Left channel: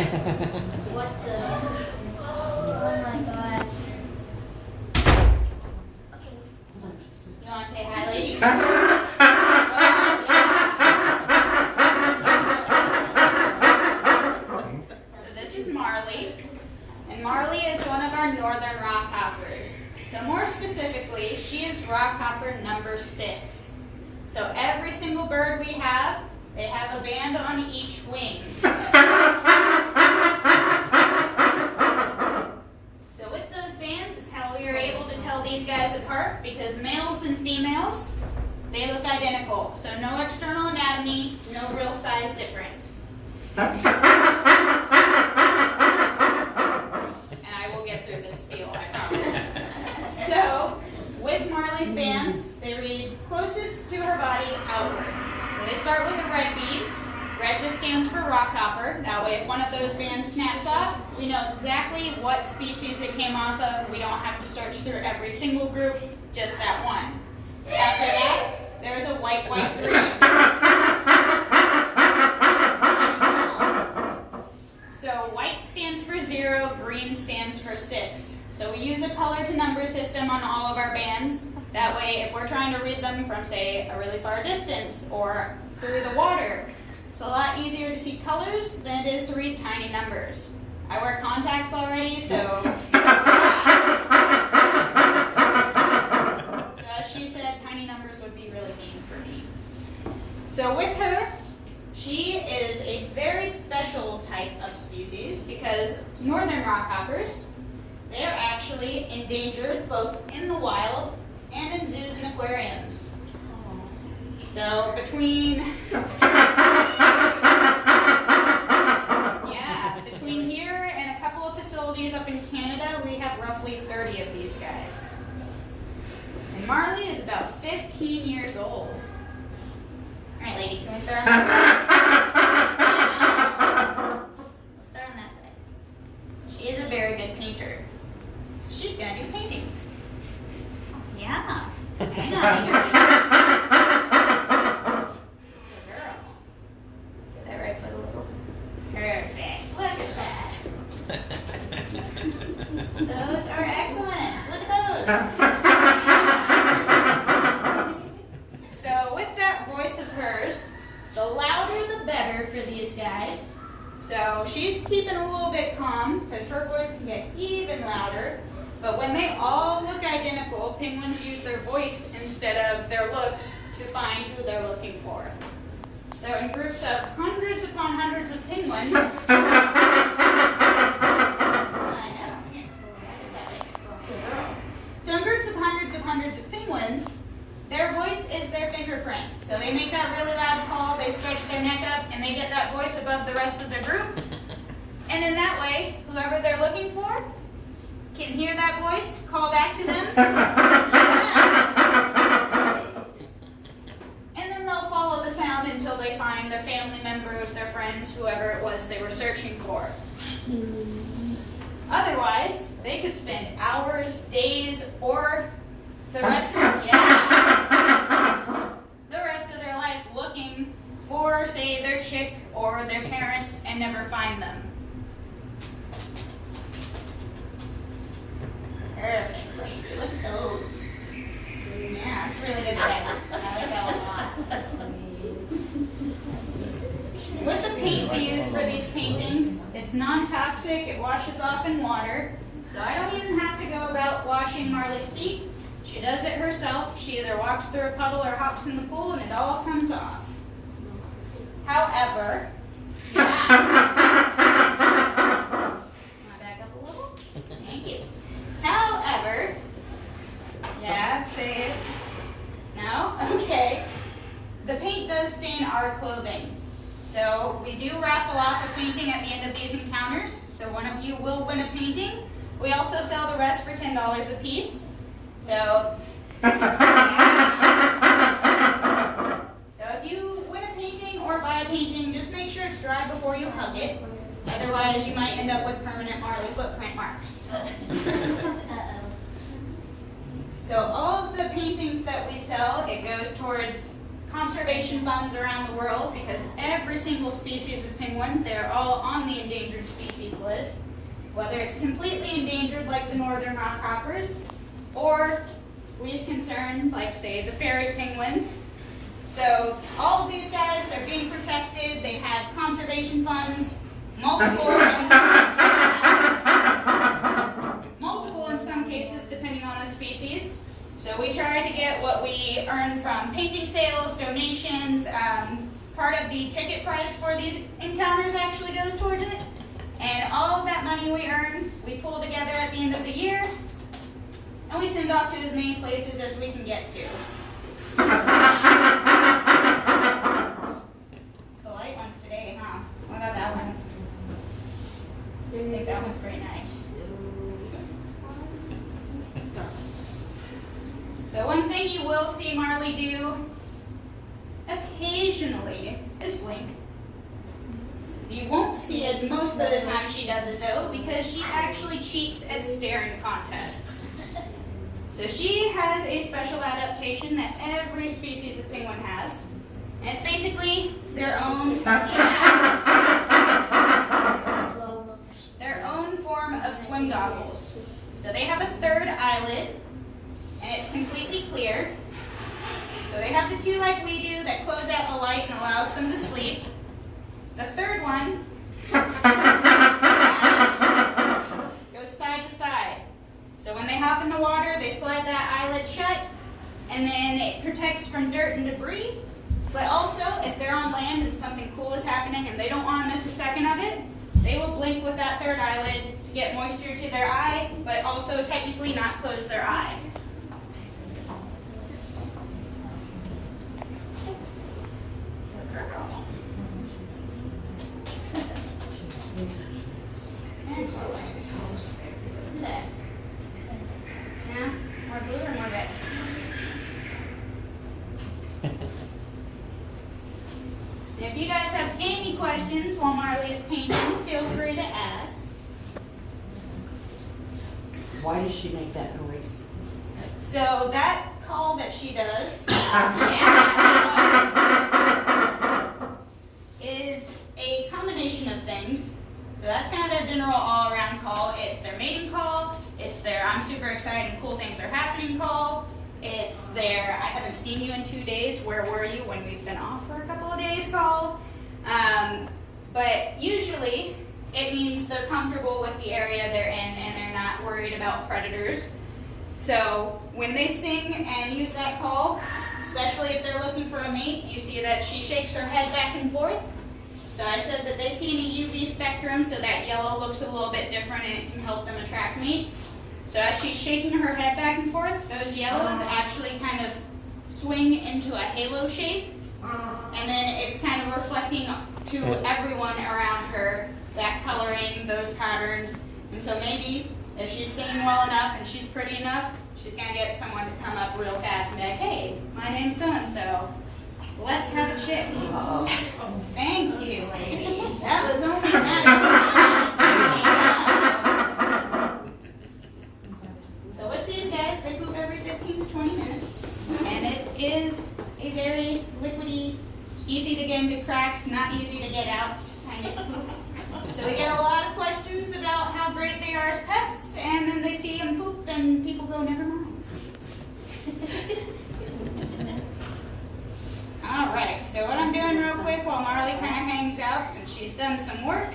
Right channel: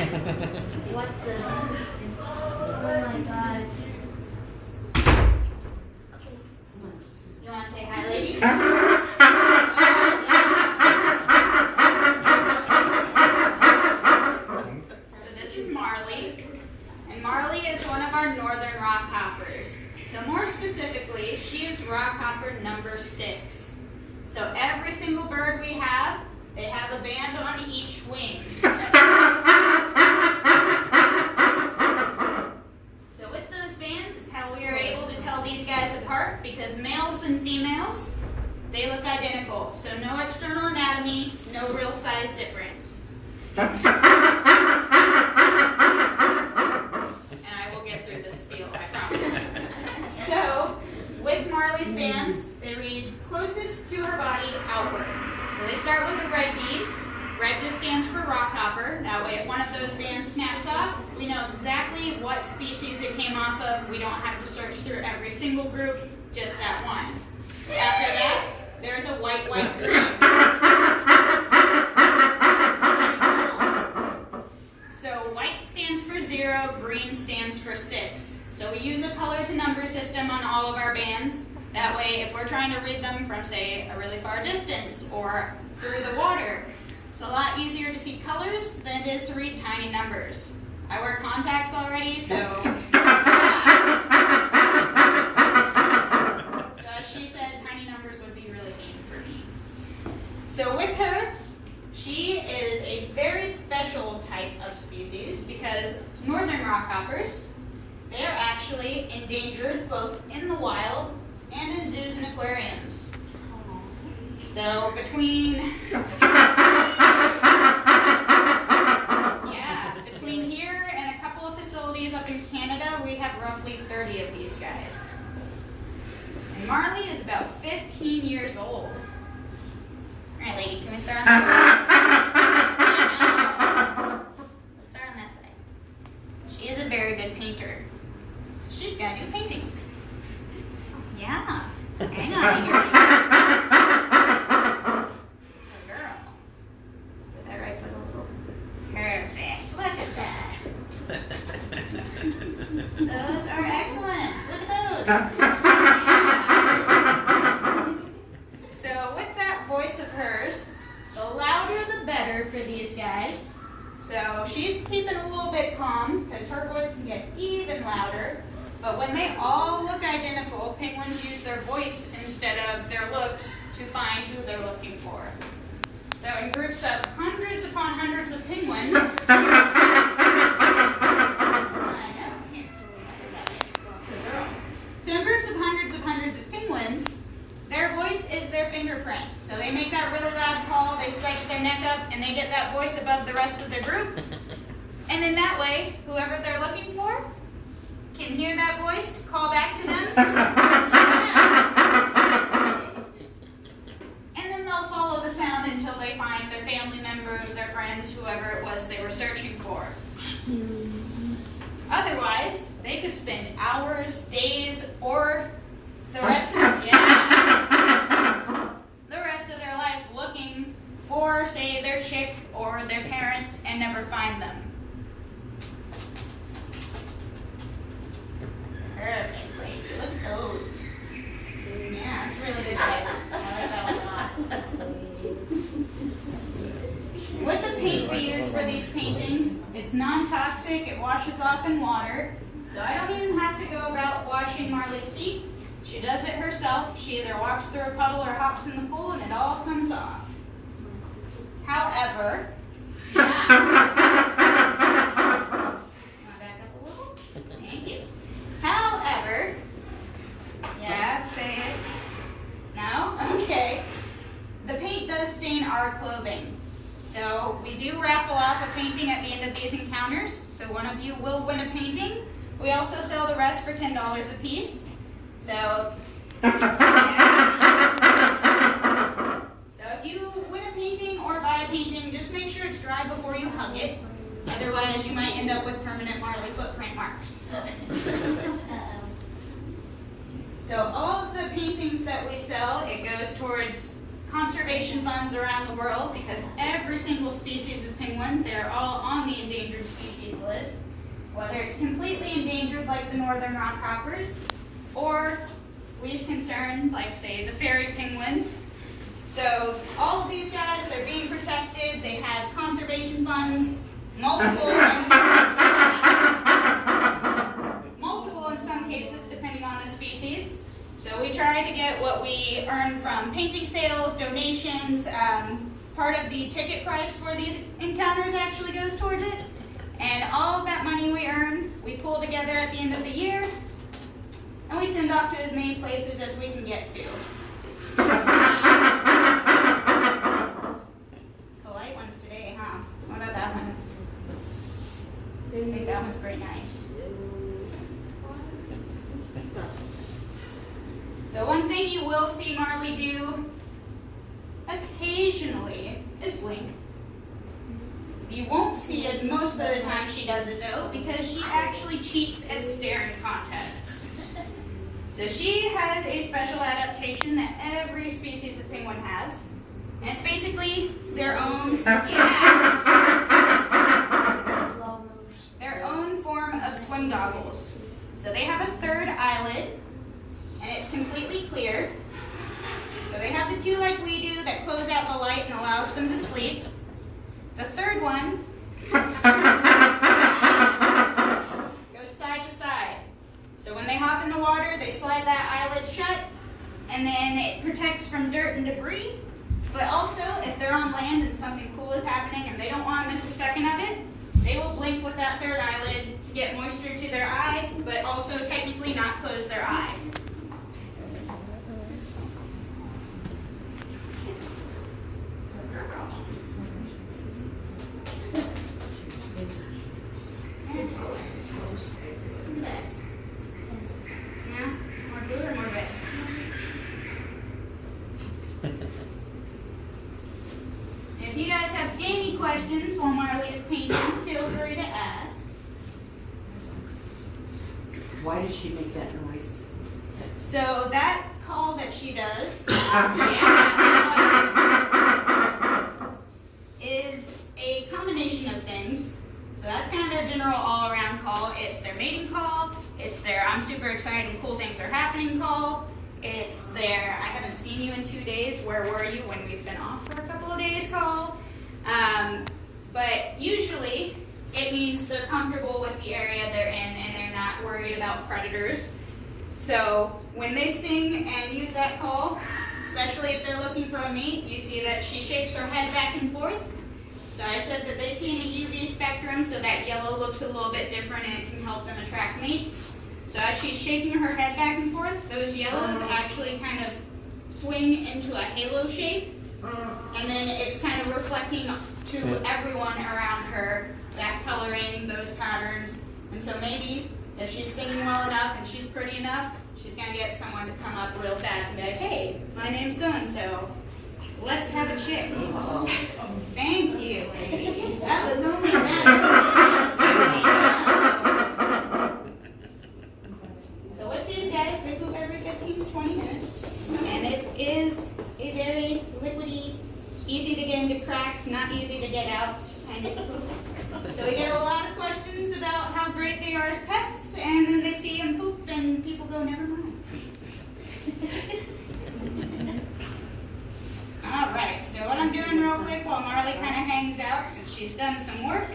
What the? Oh my gosh. You want to say hi, ladies? So this is Marley. And Marley is one of our northern rockhoppers. So more specifically, she is rockhopper number 6. So every single bird we have, they have a band on each wing. So with those bands, it's how we are able to tell these guys apart, because males and females, they look identical. So no external anatomy, no real size difference. And I will get through this spiel, I promise. So with Marley's bands, they read closest to her body outward. So they start with a red bead. Red just stands for rockhopper. That way if one of those bands snaps off, we know exactly what species it came off of. We don't have to search through every single group, just that one. After that, there's a white green. So white stands for 0, green stands for 6. So we use a color to number system on all of our bands. That way, if we're trying to read them from, say, a really far distance or through the water, it's a lot easier to see colors than it is to read tiny numbers. I wear contacts already, so so as she said, tiny numbers would be really mean for me. So with her, she is a very special type of species because northern rockhoppers, they are actually endangered both in the wild and in zoos and aquariums. So between here and a couple of facilities up in Canada, we have roughly 30 of these guys. And Marley is about 15 years old. All right, lady, can we start on that side? Let's start on that side. She is a very good painter. So she's gonna do paintings. Yeah. Hang on here. Good girl. Get that right foot a little. Perfect. Look at that. Those are excellent. Look at those. So with that voice of hers, the louder the better for these guys. So she's keeping a little bit calm because her voice can get even louder. But when they all look identical, penguins use their voice instead of their looks to find who they're looking for. So in groups of hundreds upon hundreds of penguins, so in groups of hundreds of penguins, their voice is their fingerprint. So they make that really loud call, they stretch their neck up, and they get that voice above the rest of the group. And in that way, whoever they're looking for can hear that voice, call back to them, and then they'll follow the sound until they find their family members, their friends, whoever it was they were searching for. Otherwise, they could spend hours, days, or the rest of their life looking for, say, their chick or their parents and never find them. Perfect. Great. Look at those. Yeah, that's a really good set. I like that one a lot. With the paint we use for these paintings, it's non-toxic, it washes off in water, so I don't even have to go about washing Marley's feet. She does it herself. She either walks through a puddle or hops in the pool and it all comes off. However, back up a little? Thank you. However, yeah, say it. No? Okay. The paint does stain our clothing. So we do raffle off a painting at the end of these encounters. So one of you will win a painting. We also sell the rest for $10 a piece. So if you win a painting or buy a painting, just make sure it's dry before you hug it. Otherwise, you might end up with permanent Marley footprint marks. So all of the paintings that we sell, it goes towards conservation funds around the world because every single species of penguin, they're all on the endangered species whether it's completely endangered like the northern rockhoppers, or least concern like, say, the fairy penguins. So all of these guys, they're being protected. They have conservation funds, multiple in some cases, depending on the species. So we try to get what we earn from painting sales, donations. Part of the ticket price for these encounters actually goes towards it. And all of that money we earn, we pull together at the end of the year, and we send off to as many places as we can get to. It's the light ones today, huh? What about that one? I think that one's pretty nice. So one thing you will see Marley do occasionally is blink. You won't see it most of the time she does it though, because she actually cheats at staring contests. So she has a special adaptation that every species of penguin has. And it's basically their own form of swim goggles. So they have a third eyelid, and it's completely clear. So they have the two like we do that close out the light and allows them to sleep. The third one goes side to side. So when they hop in the water, they slide that eyelid shut, and then it protects from dirt and debris. But also, if they're on land and something cool is happening and they don't want to miss a second of it, they will blink with that third eyelid to get moisture to their eye, but also technically not close their eye. Excellent. Next. Now, more blue or more red? If you guys have any questions while Marley is painting, feel free to ask. Why does she make that noise? So that call that she does is a combination of things. So that's kind of their general all-around call. It's their mating call. It's their I'm super excited and cool things are happening call. It's their I haven't seen you in 2 days. Where were you when we've been off for a couple of days call. But usually it means they're comfortable with the area they're in and they're not worried about predators. So when they sing and use that call, especially if they're looking for a mate, you see that she shakes her head back and forth. So I said that they see an UV spectrum, so that yellow looks a little bit different and it can help them attract mates. So as she's shaking her head back and forth, those yellows actually kind of swing into a halo shape, and then it's kind of reflecting to everyone around her, that coloring, those patterns. And so maybe if she's singing well enough and she's pretty enough, she's going to get someone to come up real fast and be like, hey, my name's so-and-so. Let's have a chick. Thank you. That was only a matter of time. So with these guys, they poop every 15 to 20 minutes. And it is a very liquidy, easy to get into cracks, not easy to get out kind of poop. So we get a lot of questions about how great they are as pets, and then they see them poop and people go, never mind. Alright, so what I'm doing real quick while Marley kind of hangs out, since she's done some work,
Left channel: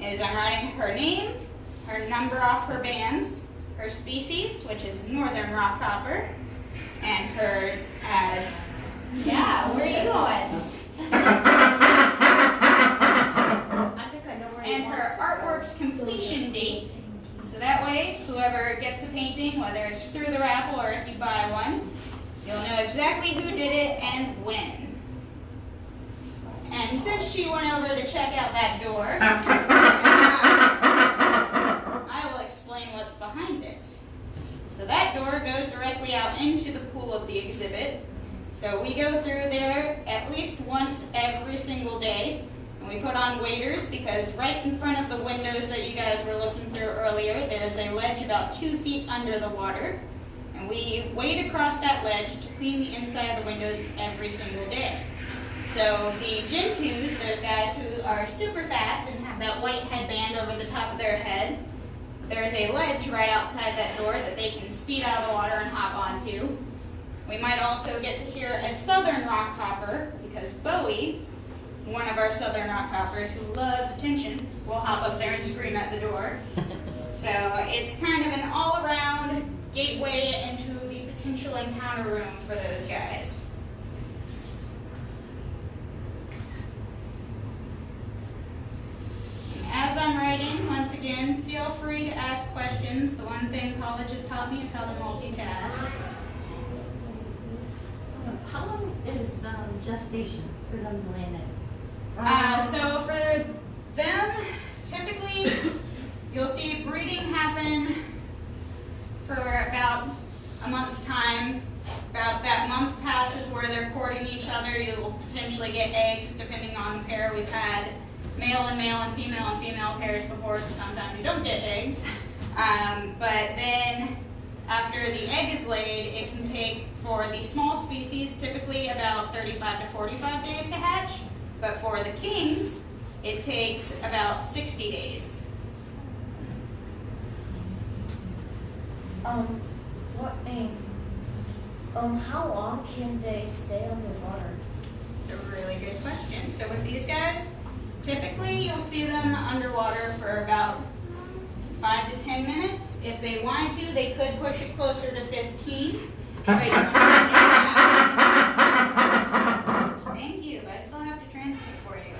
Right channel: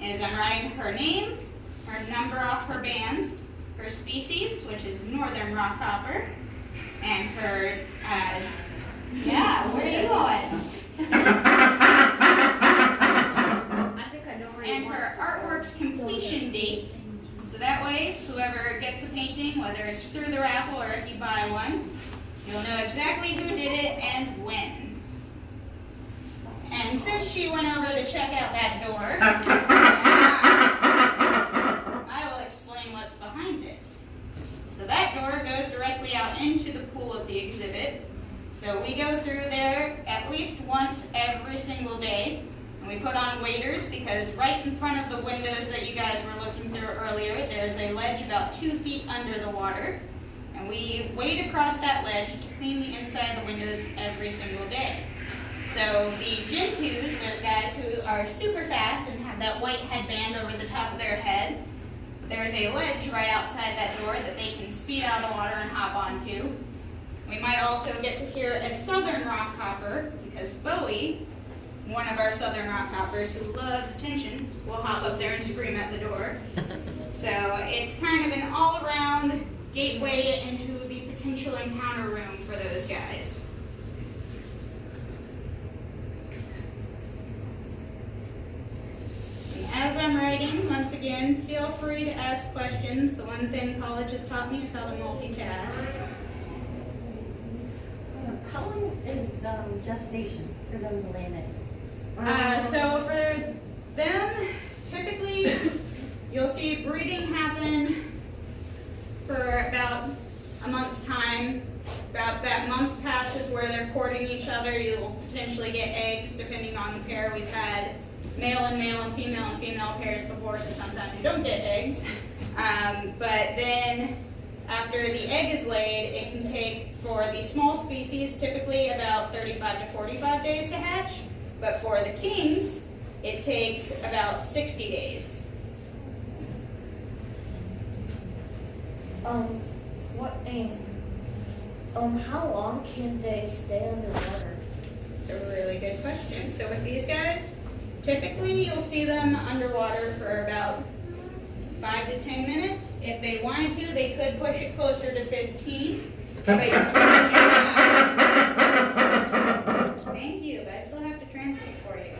is I'm writing her name, her number off her bands, her species, which is northern rockhopper, and her, where are you going? And her artwork's completion date, so that way, whoever gets a painting, whether it's through the raffle or if you buy one, you'll know exactly who did it and when. And since she went over to check out that door, I will explain what's behind it. So that door goes directly out into the pool of the exhibit. So we go through there at least once every single day. And we put on waders because right in front of the windows that you guys were looking through earlier, there's a ledge about 2 feet under the water. And we wade across that ledge to clean the inside of the windows every single day. So the Gen 2s, there's guys who are super fast and have that white headband over the top of their head. there's a ledge right outside that door that they can speed out of the water and hop onto. We might also get to hear a southern rockhopper, because Bowie, one of our southern rockhoppers who loves attention, will hop up there and scream at the door. So it's kind of an all-around gateway into the potential encounter room for those guys. And as I'm writing, once again, feel free to ask questions. The one thing college has taught me is how to multitask. How long is gestation for them to land it? So for them, typically, you'll see breeding happen for about a month's time. About that month passes where they're courting each other. You'll potentially get eggs depending on the pair. We've had male and female pairs before, so sometimes you don't get eggs. But then after the egg is laid, it can take, for the small species, typically about 35 to 45 days to hatch. But for the kings, it takes about 60 days. How long can they stay underwater? It's a really good question. So with these guys, typically you'll see them underwater for about 5 to 10 minutes. If they wanted to, they could push it closer to 15. But thank you, but I still have to translate for you.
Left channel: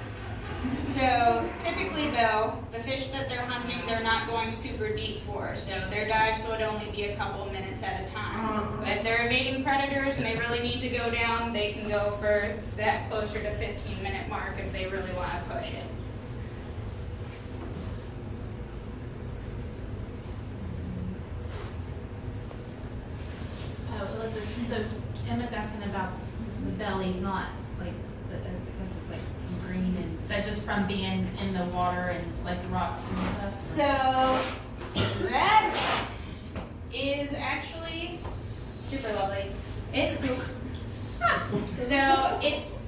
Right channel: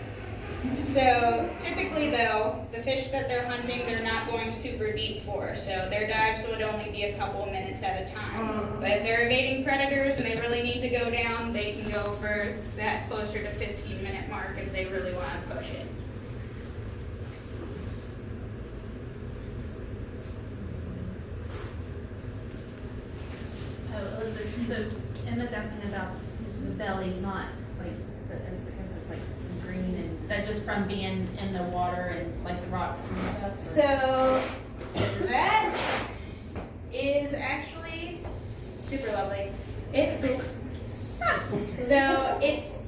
So typically though, the fish that they're hunting, they're not going super deep for. So their dives would only be a couple of minutes at a time. But if they're evading predators and they really need to go down, they can go for that closer to 15-minute mark if they really want to push it. Elizabeth, so Emma's asking about the bellies, not like, I guess it's like some green, and is that just from being in the water and like the rocks and stuff? So that is actually super lovely. It's poop. So it's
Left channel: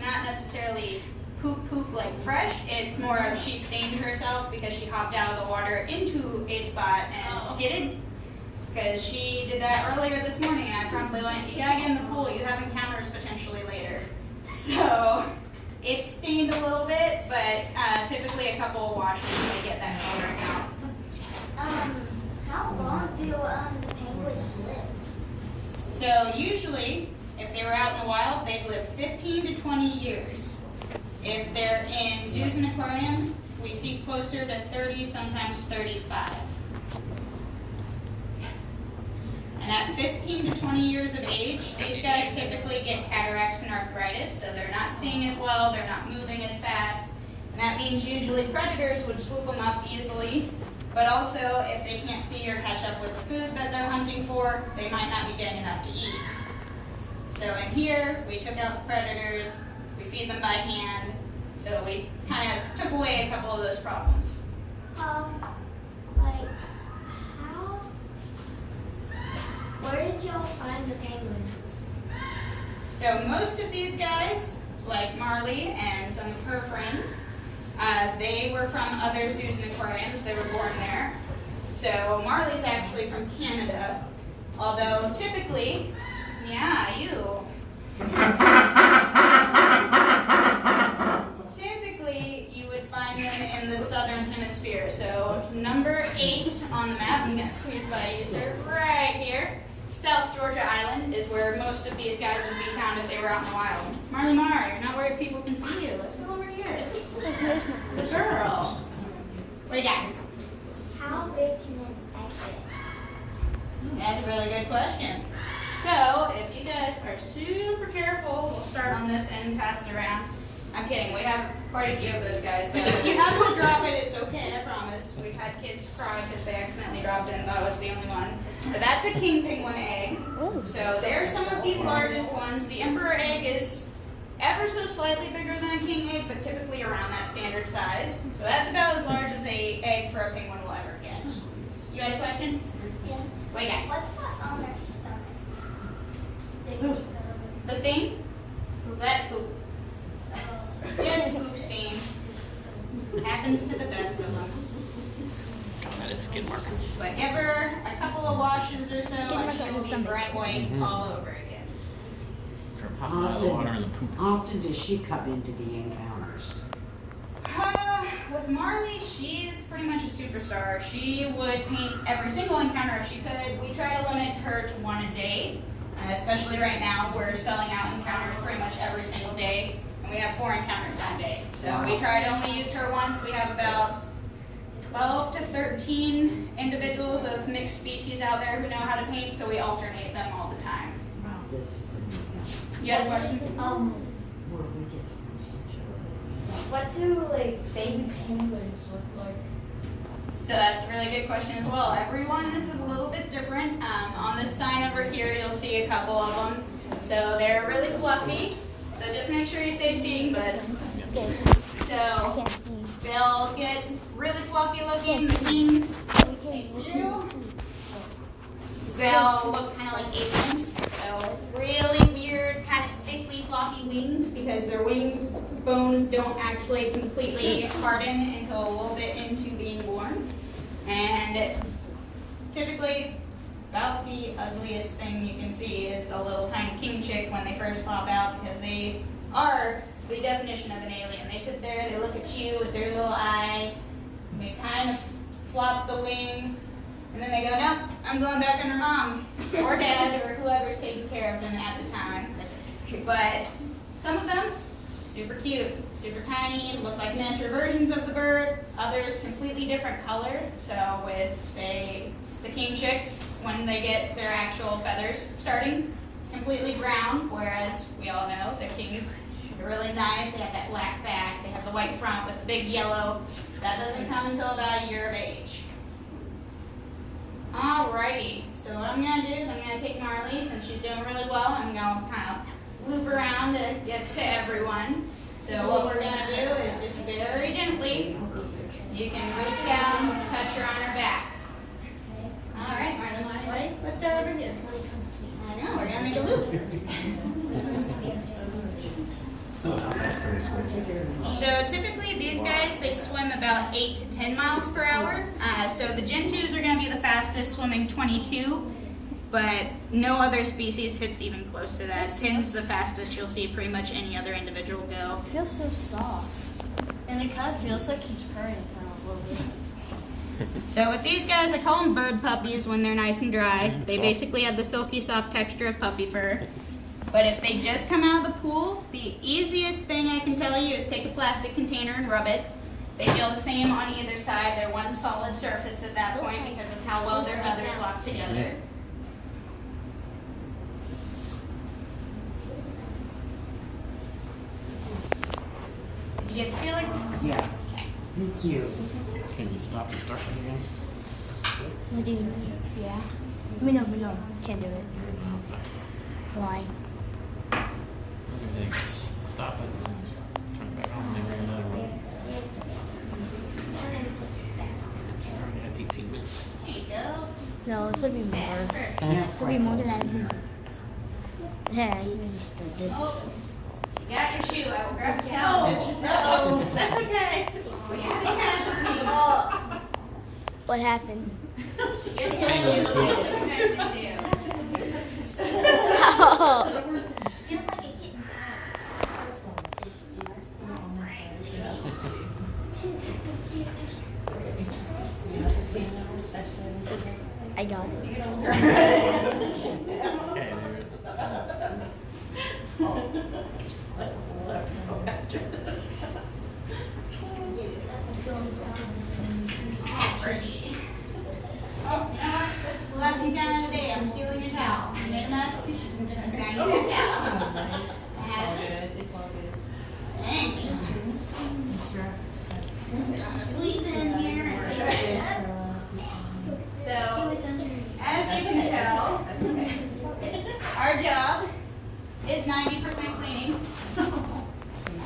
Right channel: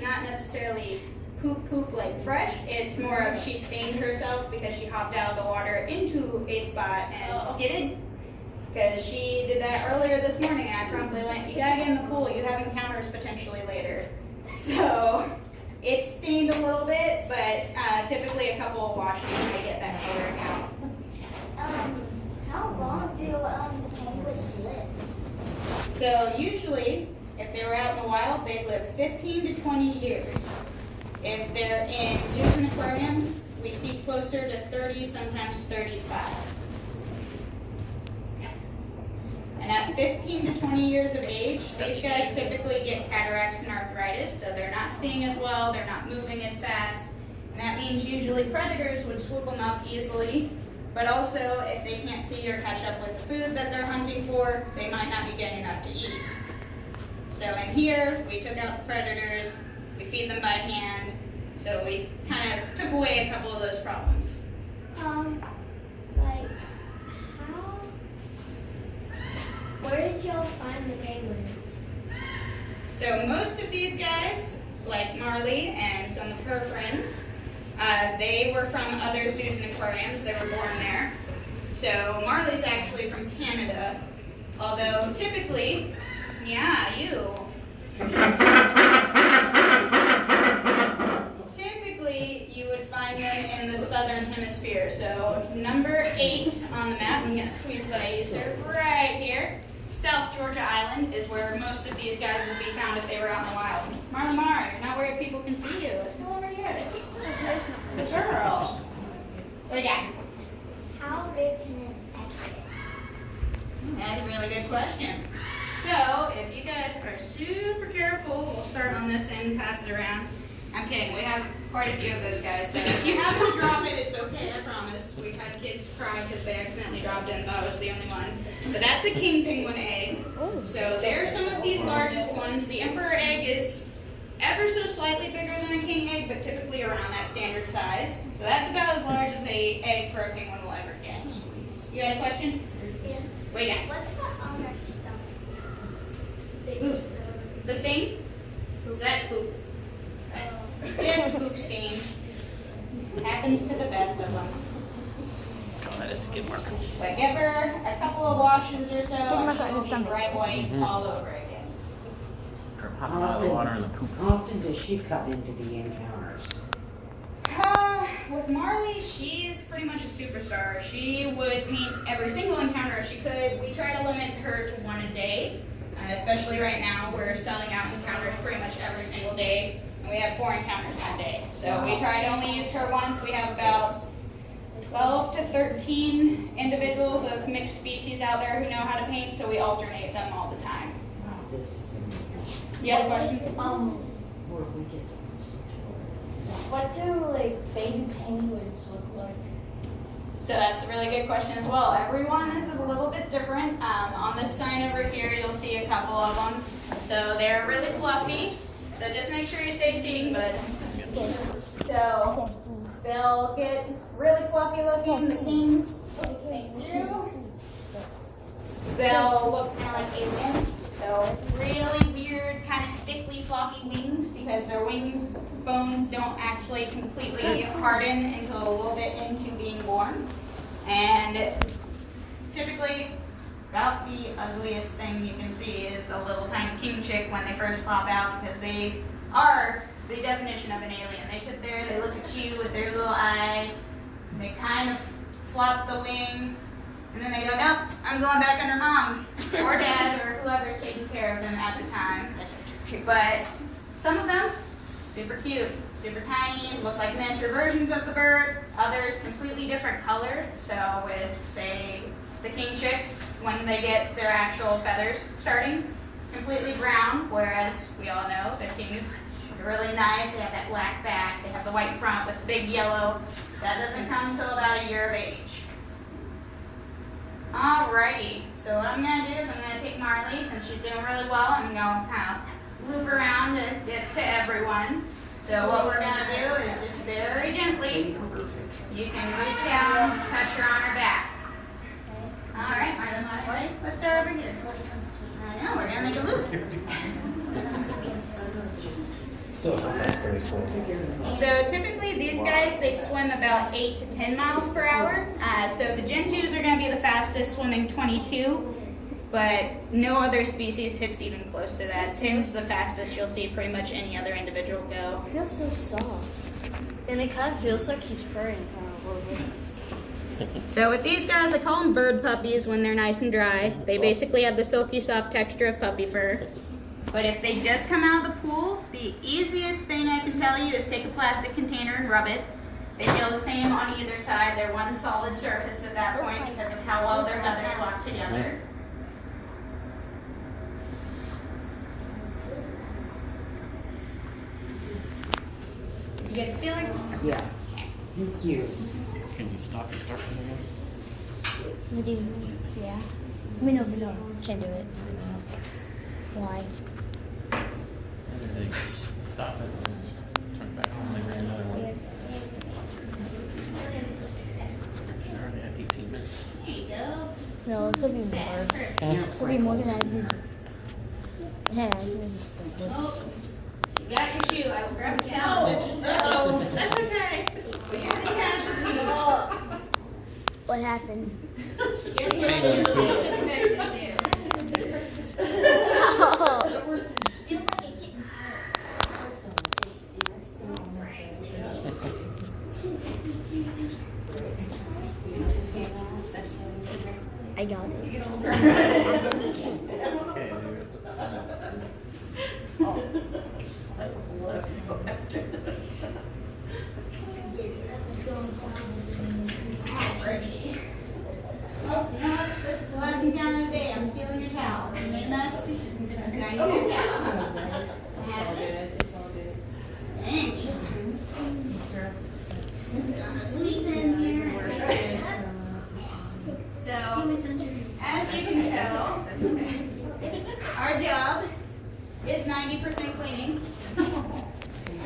not necessarily poop like fresh. It's more of she stained herself because she hopped out of the water into a spot and skidded. Because she did that earlier this morning, and I promptly went, you gotta get in the pool, you have encounters potentially later. So it's stained a little bit, but typically a couple of washes to get that coloring out. How long do the penguins live? So usually, if they were out in the wild, they'd live 15 to 20 years. If they're in zoos and aquariums, we see closer to 30, sometimes 35. And at 15 to 20 years of age, these guys typically get cataracts and arthritis, so they're not seeing as well, they're not moving as fast. And that means usually predators would swoop them up easily, but also if they can't see or catch up with the food that they're hunting for, they might not be getting enough to eat. So in here, we took out the predators, we feed them by hand, so we kind of took away a couple of those problems. Where did y'all find the penguins? So most of these guys, like Marley and some of her friends, they were from other zoos and aquariums. They were born there. So Marley's actually from Canada, although typically, typically you would find them in the southern hemisphere. So number 8 on the map, I'm going to squeeze by you, sir, right here. South Georgia Island is where most of these guys would be found if they were out in the wild. Marley Mar, you're not worried people can see you. Let's go over here. The girl. What do you got? How big can an egg get? That's a really good question. So, if you guys are super careful, we'll start on this end and pass it around. I'm kidding, we have quite a few of those guys. So if you happen to drop it, it's okay, I promise. We've had kids cry because they accidentally dropped it and thought I was the only one. But that's a king penguin egg. So there's some of these largest ones. The emperor egg is ever so slightly bigger than a king egg, but typically around that standard size. So that's about as large as an egg for a penguin will ever get. You had a question? Yeah. What you got? What's that other stuff? The stain? That's poop. Just poop stain. Happens to the best of them. skid mark. But give her a couple of washes or so, and mark she on will the be stomach. bright white all over again. From hopping out of the water and the poop. Often does she come into the encounters? With Marley, she's pretty much a superstar. She would paint every single encounter if she could. We try to limit her to one a day, especially right now. We're selling out encounters pretty much every single day, and we have 4 encounters a day. So we try to only use her once. We have about 12 to 13 individuals of mixed species out there who know how to paint, so we alternate them all the time. This is a new one. You have a question? Where we get the message. What do like baby penguins look like? So that's a really good question as well. Everyone is a little bit different. On this sign over here, you'll see a couple of them. So they're really fluffy. So just make sure you stay seating, bud. So they'll get really fluffy looking. The kings, thank you. They'll look kind of like aliens. So really weird, kind of stiffly floppy wings because their wing bones don't actually completely harden until a little bit into being born. And typically, about the ugliest thing you can see is a little tiny king chick when they first pop out because they are the definition of an alien. They sit there, they look at you with their little eye, they kind of flop the wing, and then they go, nope, I'm going back under mom or dad or whoever's taking care of them at the time. But some of them, super cute, super tiny, look like miniature versions of the bird. Others completely different color. So with, say, the king chicks, when they get their actual feathers starting, completely brown, whereas we all know the kings are really nice. They have that black back, they have the white front with the big yellow. That doesn't come until about a year of age. Alrighty, so what I'm going to do is I'm going to take Marley, since she's doing really well, I'm going to kind of loop around to get to everyone. So what we're going to do is just very gently, you can reach down, touch her on her back. Alright, Marley, let's start over here. I know, we're going to make a loop. So that's very sweet. So typically these guys, they swim about 8 to 10 miles per hour. So the Gen 2s are going to be the fastest, swimming 22, but no other species hits even close to that. 10's the fastest you'll see pretty much any other individual go. It feels so soft. And it kind of feels like he's purring for a little bit. So with these guys, I call them bird puppies when they're nice and dry. They basically have the silky soft texture of puppy fur. But if they just come out of the pool, the easiest thing I can tell you is take a plastic container and rub it. They feel the same on either side. They're one solid surface at that point because of how well their feathers lock together. Did you get the feeling? Yeah. Thank you. Can you stop and start again? We do. Yeah. We don't. Can't do it. Why? Maybe they stop it and turn it back on and they bring another one. I already had 18 minutes. There you go. No, it could be more. It could be more than I did. Yeah, I think it's stupid. Oh, you got your shoe. I will grab a towel. No, that's okay. We got a casualty. What happened? Get your shoe. Disrespected you. Feels like a kitten. I got it. Okay, Oh, you know what? This is the last encounter of the day. I'm stealing your towel. You made a mess? And I need your towel. That's it. Thank you. So I'm sleep in here. So, as you can tell, our job is 90% cleaning.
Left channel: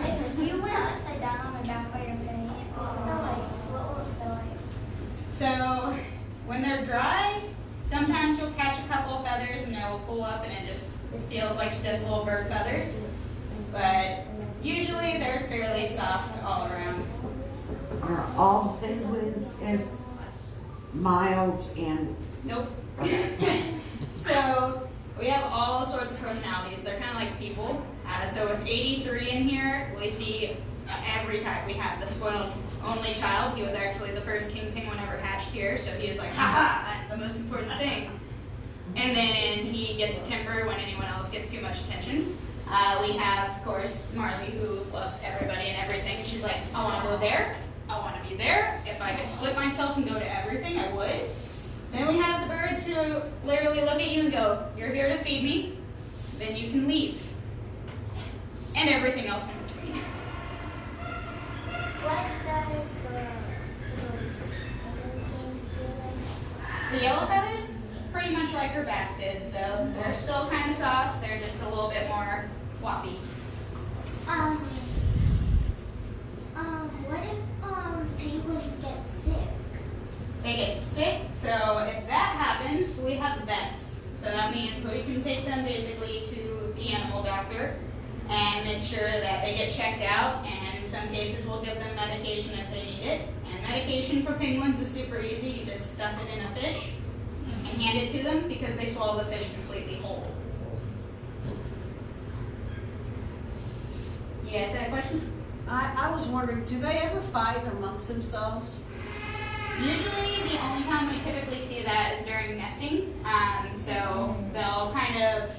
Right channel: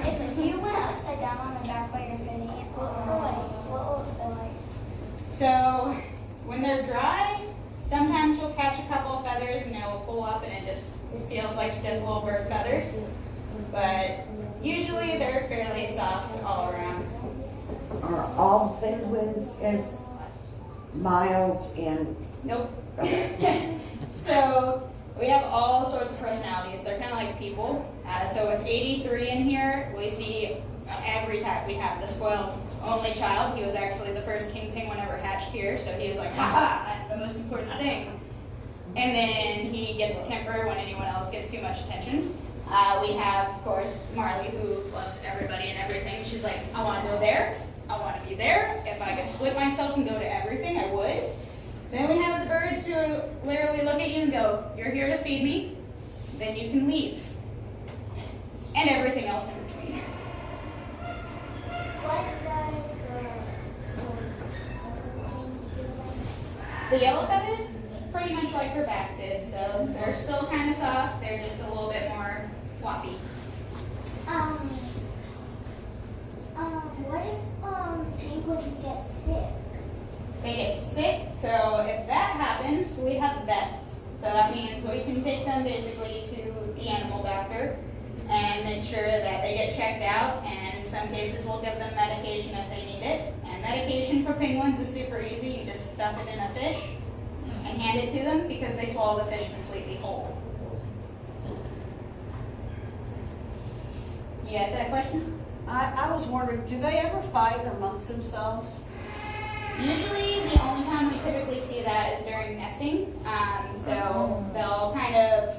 If you went upside down on my back while you're getting it, what will it feel like? So when they're dry, sometimes you'll catch a couple of feathers and they'll pull up and it just feels like stiff little bird feathers. But usually they're fairly soft all around. Are all penguins as Mild and, Nope. okay. So we have all sorts of personalities. They're kind of like people. So with 83 in here, we see every type. We have the spoiled only child. He was actually the first king penguin ever hatched here, so he was like, haha, I'm the most important thing. And then he gets a temper when anyone else gets too much attention. We have, of course, Marley, who loves everybody and everything. She's like, I want to go there. I want to be there. If I could split myself and go to everything, I would. Then we have the birds who literally look at you and go, you're here to feed me, then you can leave. And everything else in between. What does the things feel like? The yellow feathers, pretty much like her back did, so they're still kind of soft, they're just a little bit more floppy. What if penguins get sick? They get sick, so if that happens, we have vets. So that means we can take them basically to the animal doctor and make sure that they get checked out, and in some cases we'll give them medication if they need it. And medication for penguins is super easy. You just stuff it in a fish and hand it to them because they swallow the fish completely whole. You guys had a question? I was wondering, do they ever fight amongst themselves? Usually, the only time we typically see that is during nesting. So they'll kind of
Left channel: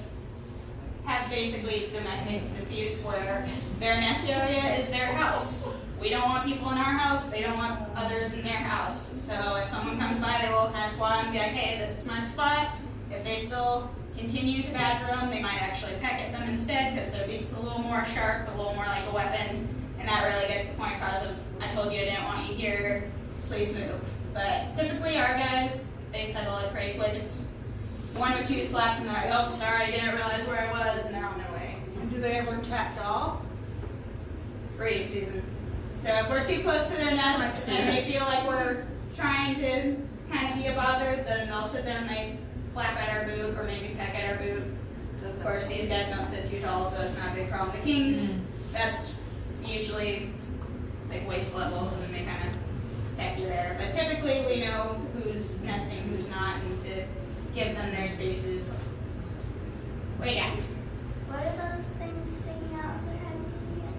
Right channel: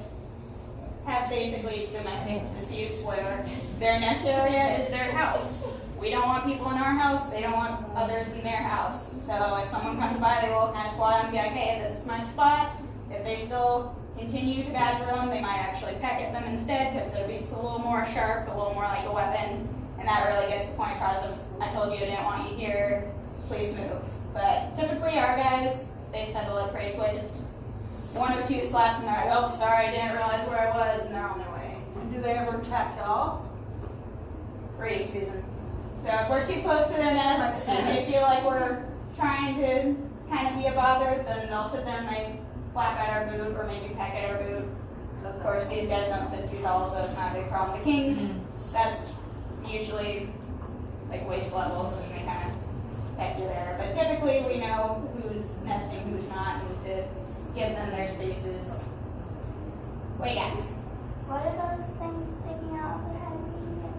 have basically domestic disputes where their nest area is their house. We don't want people in our house, they don't want others in their house. So if someone comes by, they will kind of squat them and be like, hey, this is my spot. If they still continue to badger them, they might actually peck at them instead because their beak's a little more sharp, a little more like a weapon. And that really gets the point across of, I told you I didn't want you here, please move. But typically our guys, they settle it pretty quick. It's 1 or 2 slaps and they're like, oh, sorry, I didn't realize where I was, and they're on their way. And do they ever attack y'all? Breeding season. So if we're too close to their nest and they feel like we're trying to kind of be a bother, then they'll sit there and they flap at our boot or maybe peck at our boot. Of course, these guys don't sit too tall, so it's not a big problem. The kings, that's usually like waist levels, and they kind of peck you there. But typically we know who's nesting, who's not, and to give them their spaces. Wait, yeah. What are those things sticking out of their head again?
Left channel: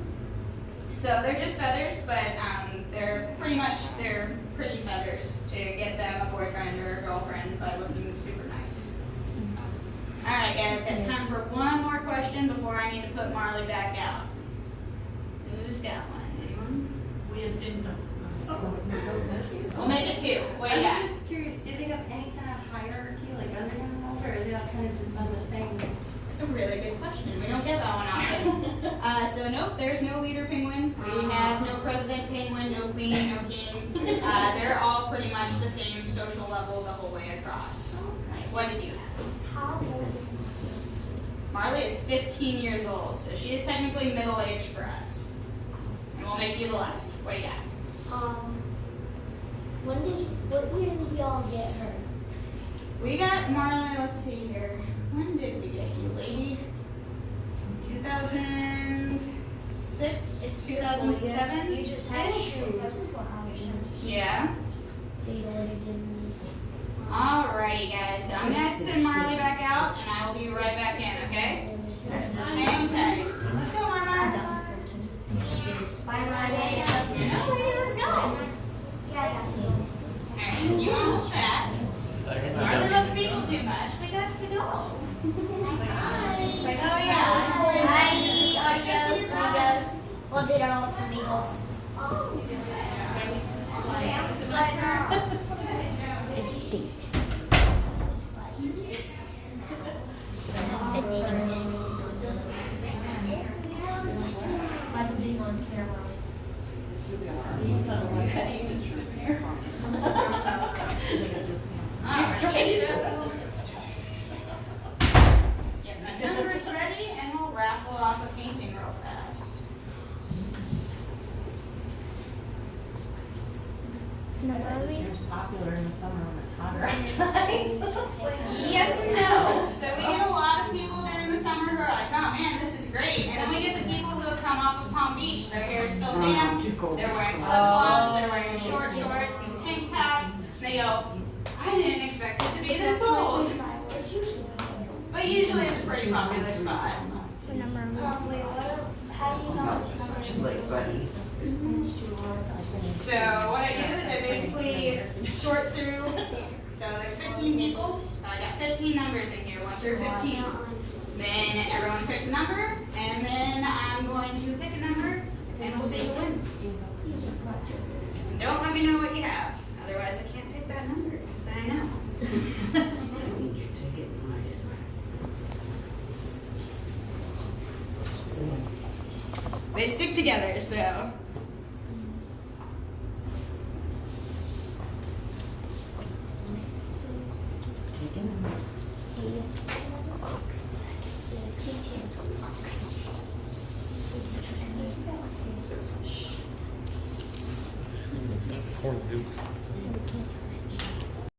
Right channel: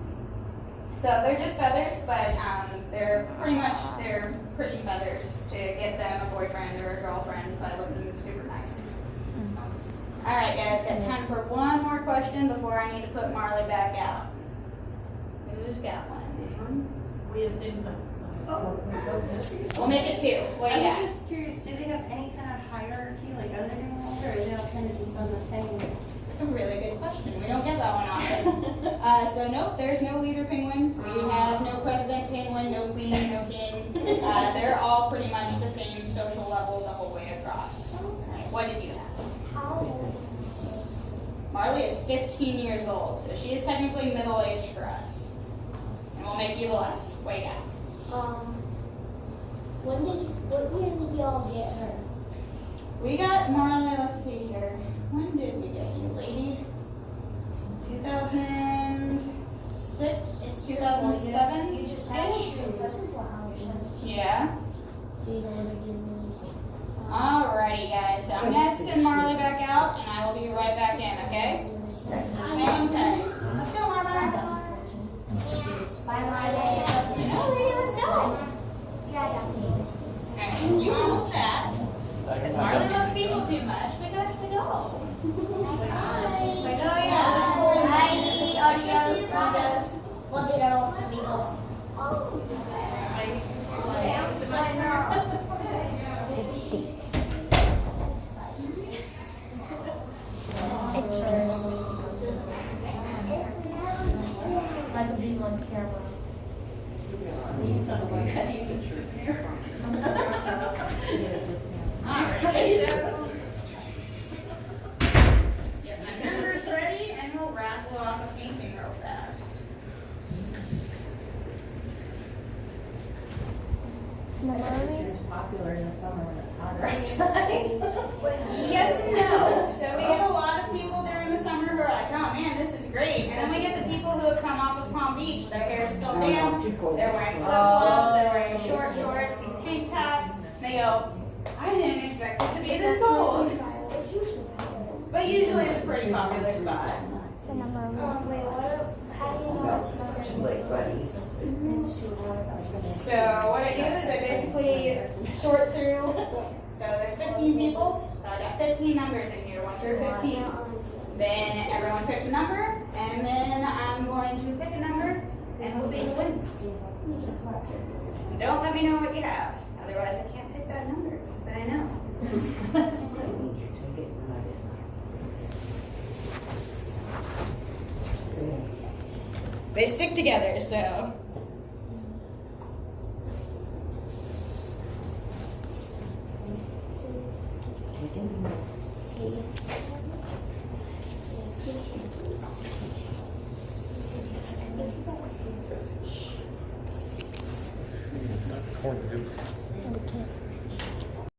So they're just feathers, but they're pretty feathers to get them a boyfriend or a girlfriend by looking super nice. All right, guys, got time for one more question before I need to put Marley back out. Who's got one? Anyone? We assume We'll make it 2. What do you I was got? just curious, do they have any kind of hierarchy like other animals, or are they all kind of just on the same? It's a really good question. We don't get that one often. So nope, there's no leader penguin. We have no president penguin, no queen, no king. They're all pretty much the same social level the whole way across. Right, what did you have? How old? Marley is 15 years old, so she is technically middle age for us. And we'll make you the last. What do you got? What year did y'all get her? We got Marley, let's see here. When did we get you, lady? 2006? 2007? You just had to. That's before Yeah. They already did me. Alrighty, guys. So I'm gonna send Marley back out, and I will be right back in, okay? Hang tight. Let's go, Mama. Bye. No, wait, let's go. Alright, you won't chat. Because Marley loves people too much. We got to go. It's like, oh yeah. Hi, audios. Well, they are all for Beagles. It stinks. It's I could be on camera. Alright, so get my numbers ready, and we'll raffle off a painting real fast. It's popular in the summer when it's hotter outside. Yes and no. So we get a lot of people during the summer who are like, oh man, this is great. And then we get the people who have come off of Palm Beach. Their hair is still damp. Too cold. They're wearing flip-flops. They're wearing short shorts and tank tops. They go, very popular spot. What number? Wait, how do you know which number? She's like, buddy. So what I do is I basically sort through. So there's 15 people. So I got 15 numbers in here. Once you're 15, then everyone picks a number, and then I'm going to pick a number, and we'll see who wins. And don't let me know what you have. Otherwise, I can't pick that number because then I know. I need your ticket and I didn't. They stick together, so